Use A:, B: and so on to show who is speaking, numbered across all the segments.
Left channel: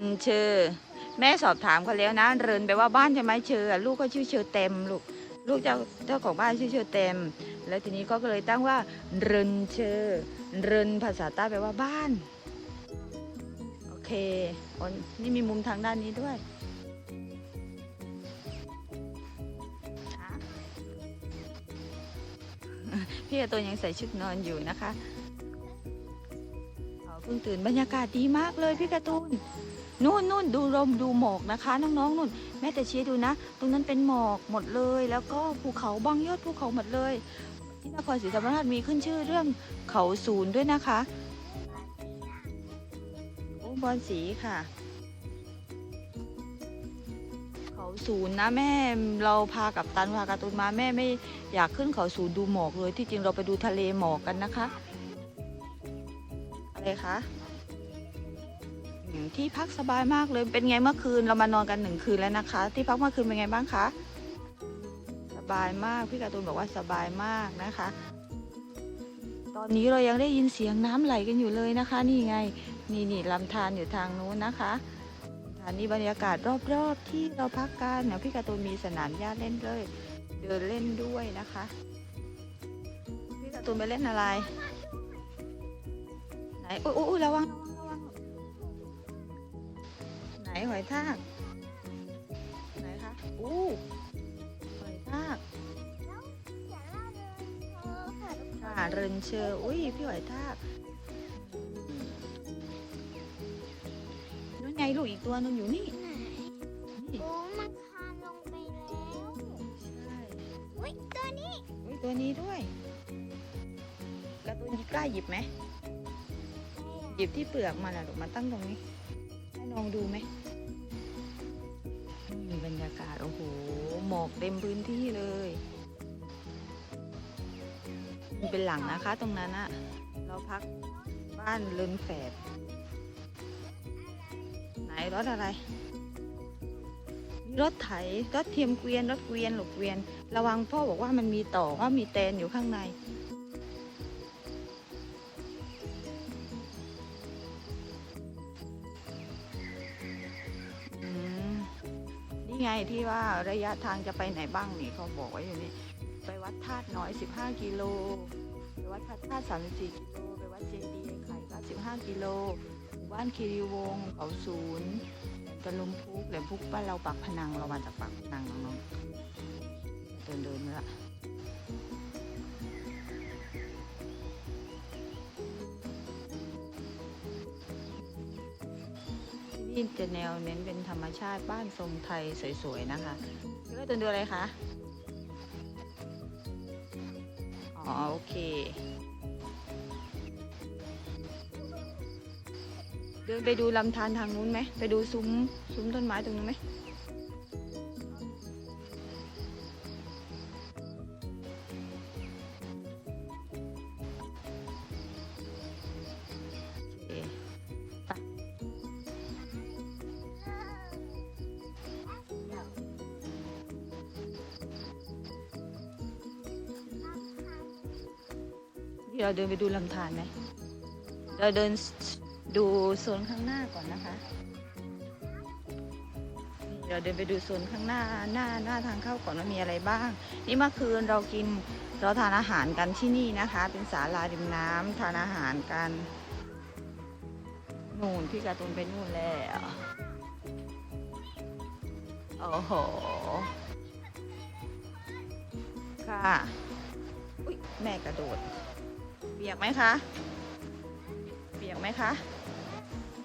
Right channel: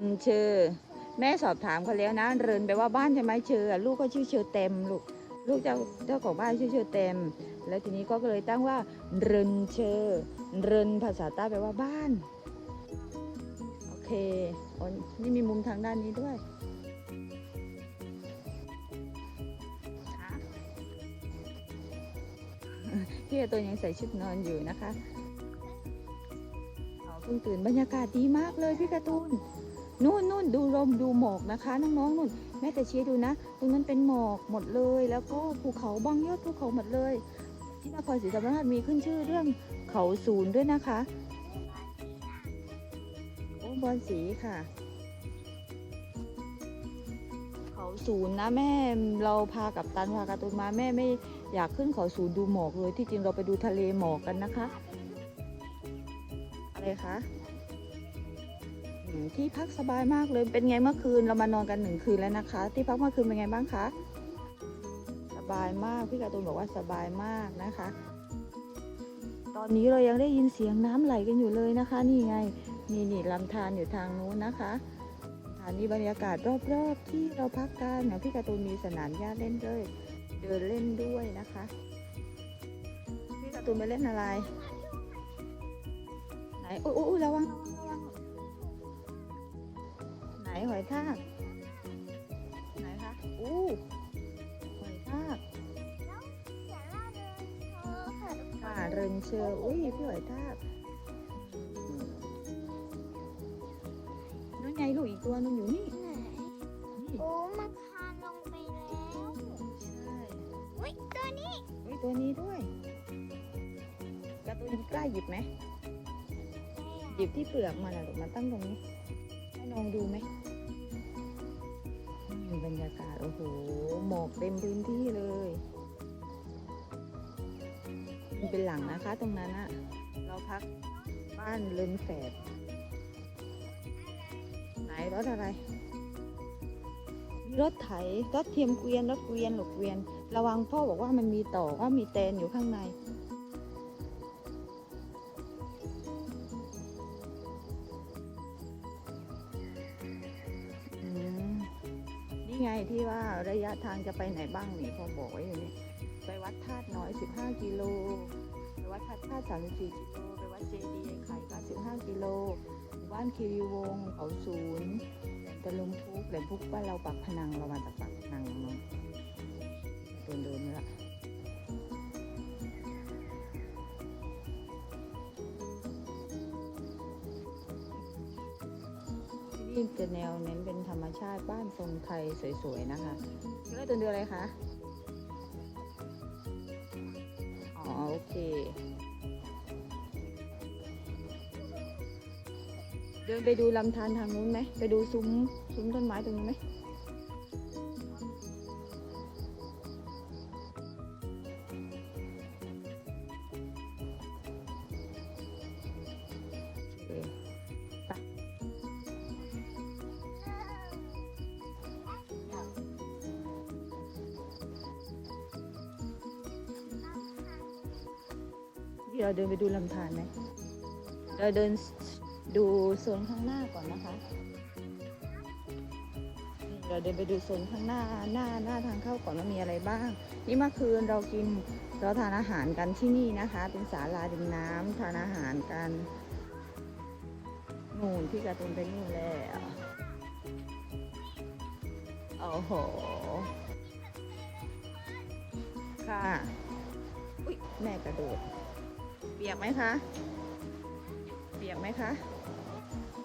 A: อืมเชอแม่สอบถามเขาแล้วนะ เรินไปว่าบ้านใช่ไหมเชออลูกก็ชื่อเชอเต็มลูกลูกเจ้าเจ้าของบ้านชื่อเชอเต็ม แล้วทีนี้ก็เลยตั้งว่า เรินเชอเรินภาษาใต้แปลว่าบ้าน โอเคอ๋อนี่มีมุมทางด้านนี้ด้วยพี่กร์ตูนยังใส่ชุดนอนอยู่นะคะเพิ่งตื่นบรรยากาศดีมากเลยพี่การ์ตูน นู่นนู่นดูลมดูหมอกนะคะ น้องๆนู่นแม่แต่เชียร์ดูนะ ตรงนั้นเป็นหมอกหมดเลย แล้วก็ภูเขาบางยอดภูเขาหมดเลย ที่นครศรีธรรมราชมีขึ้นชื่อเรื่องเขาศูนย์ด้วยนะคะโอ้บอลสีค่ะ เขาศูนย์นะแม่เราพากับตันพาการ์ตูนมาแม่ไม่อยากขึ้นเขาศูนย์ดูหมอกเลยที่จริงเราไปดูทะเลหมอกกันนะคะอะไรคะ ที่พักสบายมากเลย เป็นไงเมื่อคืนเรามานอนกันหนึ่งคืนแล้วนะคะ ที่พักเมื่อคืนเป็นไงบ้างคะ สบายมาก พี่การ์ตูนบอกว่าสบายมากนะคะ ตอนนี้เรายังได้ยินเสียงน้ำไหลกันอยู่เลยนะคะ นี่ไง นี่นี่ลำธารอยู่ทางนู้นนะคะลำธานี่บรรยากาศรอบๆ ที่เราพักกันเนี่ยพี่การ์ตูนมีสนามหญ้าเล่นเลย เดินเล่นด้วยนะคะพี่การ์ตูนไปเล่นอะไร ไหนอุ้ยอุ้ยระวัง หนหอยทาก ไหนคะ อู้หอยทากค่ะเรินเชอร์อุ้ยพี่หอยทากนั่นไงลูกอีกตัวนึงอยู่นี่นี่
B: โอ้มันพาลงไปแล้ว
A: ใช่
B: อุ้ยตัวนี้
A: อุ้ยตัวนี้ด้วยการะตูนกล้าหยิบไหมหยิบที่เปลือกมันอะลูกมันตั้งตรงนี้ให้น้องดูไหมนี่บ รรยากาศ โอ้โห หมอกเต็มพื้นที่เลยมันเป็นหลังนะคะตรงนั้นอะเราพักบ้านลืมแฝดไหนรถอะไรมีรถไถ รถเทียมเกวียน รถเกวียนหลกเกวียน ระวังพ่อบอกว่ามันมีต่อว่ามีแตนอยู่ข้างใน ไงที่ว่าระยะทางจะไปไหนบ้างนี่เขาบอกไว้อยู่นี่ ไปวัดธาตุน้อย 15 กิโล ไปวัดพระธาตุ34 กิโล ไปวัดเจดีย์ไข่ก็15 กิโลหมู่บ้านคีรีวงศ์เขาศูนย์แหลมตะลุงพุกแหลมพุกบ้านเราปักพนังเรามาจากปักพนังน้องเดินเดินๆละ นี่จะแนวเน้นเป็นธรรมชาติบ้านทรงไทยสวยๆนะคะเลือกตัวดูอะไรคะอ๋อโอเค เดินไปดูลำธารทางนู้นไหมไปดูซุ้มซุ้มต้นไม้ตรงนู้นไหม ดี๋ยวเราเดินไปดูลำธารไหมเราเดินดูโซนข้างหน้าก่อนนะคะเราเดินไปดูโซนข้างหน้าหน้าหน้าทางเข้าก่อนว่ามีอะไรบ้าง นี่เมื่อคืนเรากินเราทานอาหารกันที่นี่นะคะ เป็นศาลาริมน้ำทานอาหารกันนู่นพี่กร์ตูนไปนู่นแล้วโอ้โหค่ะแม่กระโดด เปียกไหมคะ เปียกไหมคะ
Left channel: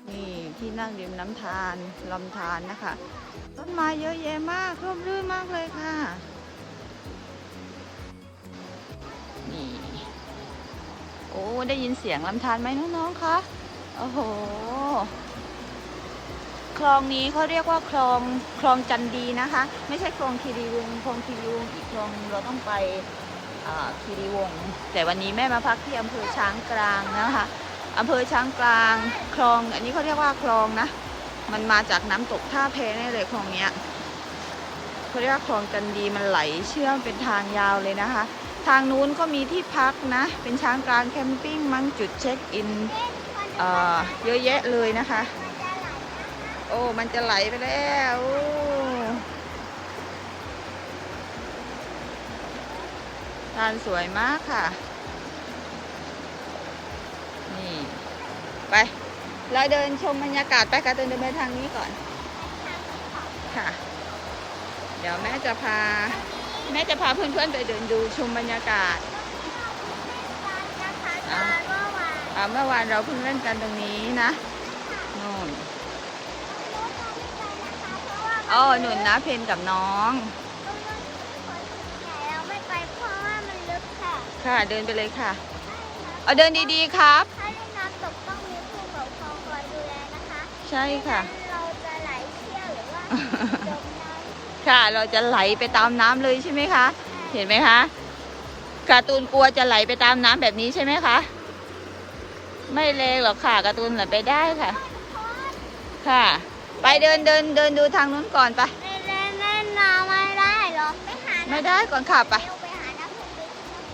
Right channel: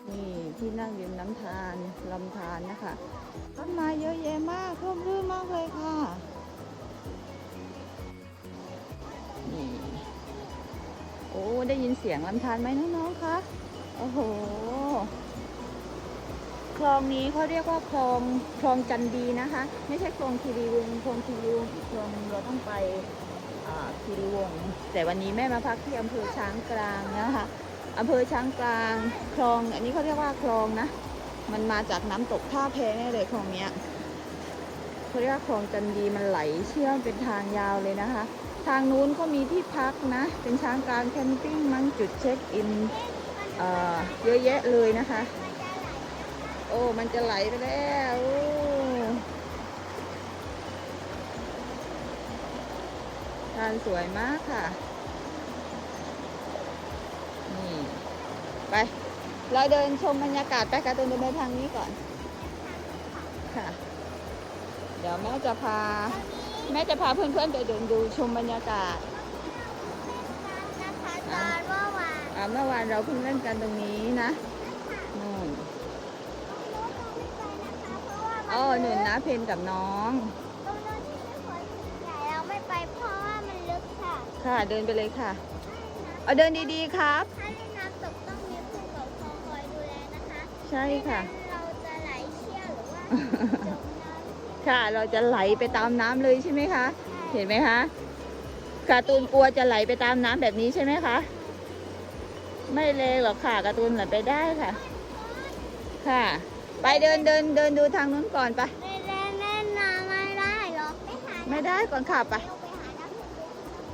A: นี่ที่นั่งริมน้ำทานลำธารนะคะ ต้นไม้เยอะแยะมากร่มรื่นมากเลยค่ะ นี่ โอ้ ได้ยินเสียงลำธารไหมน้องๆคะ โอ้โห คลองนี้เขาเรียกว่าคลองคลองจันดีนะคะ ไม่ใช่คลองคีรีวงคลองคีรีวงอีกคลองเราต้องไป คีรีวงศ์แต่วันนี้แม่มาพักที่อำเภอช้างกลางนะคะอำเภอช้างกลางคลอง อันนี้เขาเรียกว่าคลองนะ มันมาจากน้ำตกท่าแพแน่เลยคลองเนี้ยเขาเรียกว่าคลองจันดีมันไหลเชื่อมเป็นทางยาวเลยนะคะ ทางนู้นก็มีที่พักนะ เป็นช้างกลางแคมปิ้งมั้งจุดเช็คอิน
B: เย
A: อะแยะเลยนะคะ โอ้มันจะไหลไปแล้ว โอ้ทานสวยมากค่ะ นี่ ไป เราเดินชมบรรยากาศไปการะตูนเดินไปทางนี้ก่อน ค่ะ เดี๋ยวแม่จะพา แม่จะพาเพื่อนๆไปเดินดูชมบรรยากาศ
B: นะคะตอนเมื่อวาน
A: อ่าเมื่อวานเราเพิ่งเล่นกันตรงนี้นะนู่น
B: รถเราไม่ไปนะคะเพราะว่า
A: อ๋อหนุนนะเพนกับน้อง
B: ค่ะ
A: ค่ะ เดินไปเลยค่ะ เอาเดินดีๆครับ
B: ถ้าเล่นน้ำตกต้องมีผู้ปกครองคอยดูแลนะคะ
A: ใช่ค่ะ
B: ไม่งั้นเราจะไหลเชี่ยวหรือว่าจมน้ำ
A: ค่ะ เราจะไหลไปตามน้ำเลยใช่ไหมคะ เห็นไหมคะ การ์ตูนกลัวจะไหลไปตามน้ำแบบนี้ใช่ไหมคะ ไม่เลงหรอกค่ะ การ์ตูนไหลไปได้ค่ะ ค่ะ ไปเดินเดินเดินดูทางนู้นก่อนไป
B: เล่นเล่นเล่นน้ำไม่ได้เหรอ ไปหา
A: ไม่ได้ก่อนค่ะไป
B: เร็วไปหาน้ำผึ้ง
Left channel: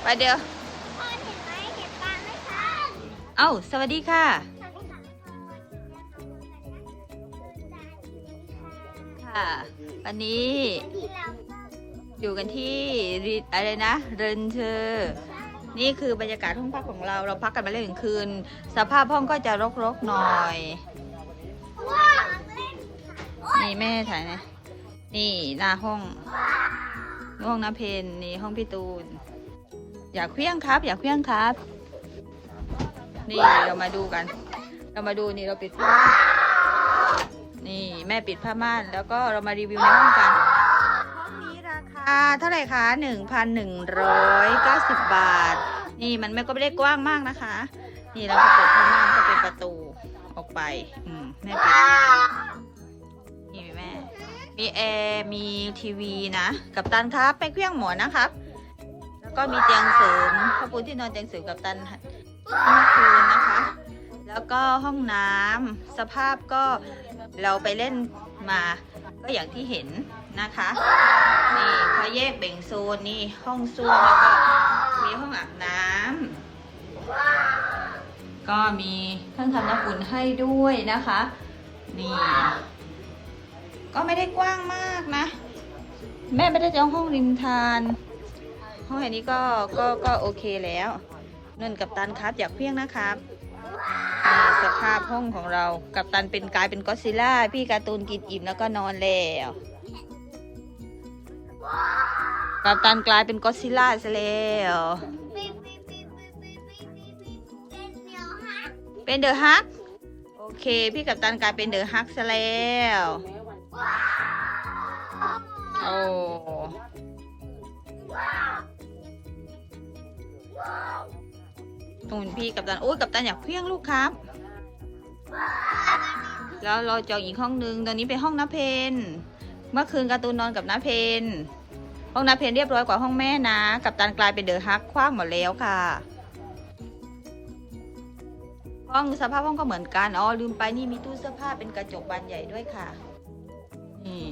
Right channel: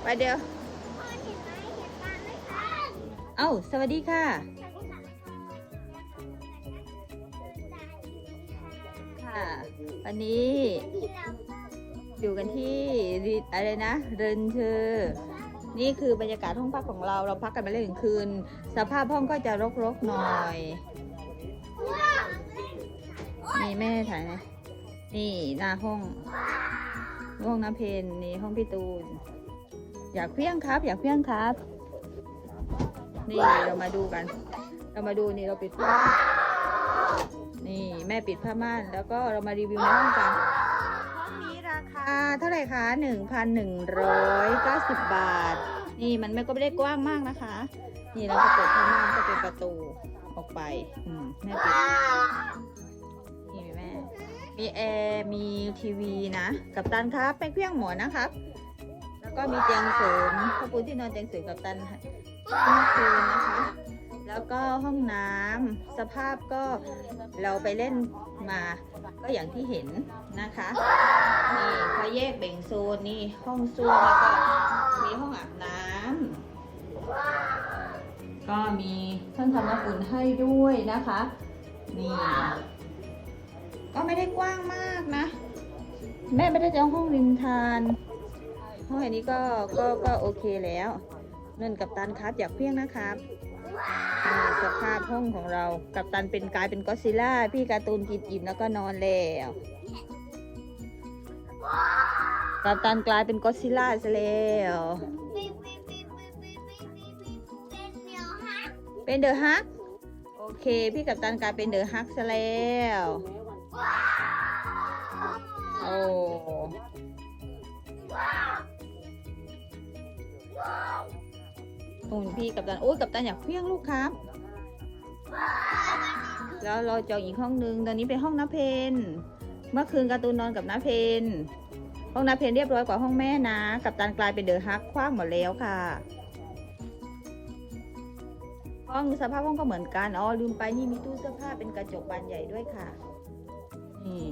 B: ไป
A: ไปเดี๋ยว
B: พ่อเห็นไหมเห็นปลาไหมคะ
A: เอ้า สวัสดีค่ะค่ะ วันนี้
B: ที่เรา
A: อยู่กันที่ริอะไรนะเรนเธอร์ นี่คือบรรยากาศห้องพักของเรา เราพักกันมาเลยหนึ่งคืน สภาพห้องก็จะรกๆหน่อย
B: ว้าว
A: นี่แม่ถ่ายนะ นี่หน้าห้องห้องน้ำเพนนี่ห้องพี่ตูน อยากเคลี้ยงครับ อยากเคลี้ยงครับ นี่เรามาดูกัน เรามาดูนี่เราปิดผ้าม่านนี่แม่ปิดผ้าม่าน แล้วก็เรามารีวิวในห้องกันห้องนี้ราคาเท่าไหร่คะ1,190บาท นี่มันไม่ก็ไม่ได้กว้างมากนะคะ นี่เราก็เปิดผ้าม่านก็เป็นประตูออกไป อืมแม่ปิดนี่แม่มีแอร์มีทีวีนะ กับตันครับไปเครื่องหมอนนะครับแล้ว ก็มีเตียงเสริมข้าวปูที่นอนเตียงเสริมกับตันห้เมื่อคืนนะคะ แล้วก็ห้องน้ำสภาพก็เราไปเล่นมาก็อย่างที่เห็นนะคะนี่เขาแยกแบ่งโซนนี่ห้องส้วมแล้วก็มีห้องอาบน้ำก็มีเครื่องทำน้ำอุ่นให้ด้วยนะคะนี่ก็ไม่ได้กว้างมากนะ แม่ไม่ได้จองห้องริมทาน ห้องอันนี้ก็ก็ก็โอเคแล้วเงินกับตันครับอยากเพียงนะครับสภาพห้องของเรากับตันเป็นกลายเป็นก็ซิล่าพี่การ์ตูนกินอิ่มแล้วก็นอนแล้วกับตันกลายเป็นก็ซิล่าซะแล้ว
B: เป็นเดียวฮะ
A: เป็นเดอะฮักโอเค พี่กับตันกลายเป็นเดอะฮักซะแล้วโอ้ ตูนพี่กับตันโอ้ยกับตันอยากเพี้ยงลูกครับ แล้วเราจองอีกห้องนึงตอนนี้เป็นห้องน้าเพนเมื่อคืนการ์ตูนนอนกับน้าเพนห้องน้าเพนเรียบร้อยกว่าห้องแม่นะ กับตันกลายเป็นเดอะฮักคว้างหมดแล้วค่ะ ห้องสภาพห้องก็เหมือนกันอ๋อลืมไปนี่มีตู้เสื้อผ้าเป็นกระจกบานใหญ่ด้วยค่ะนี่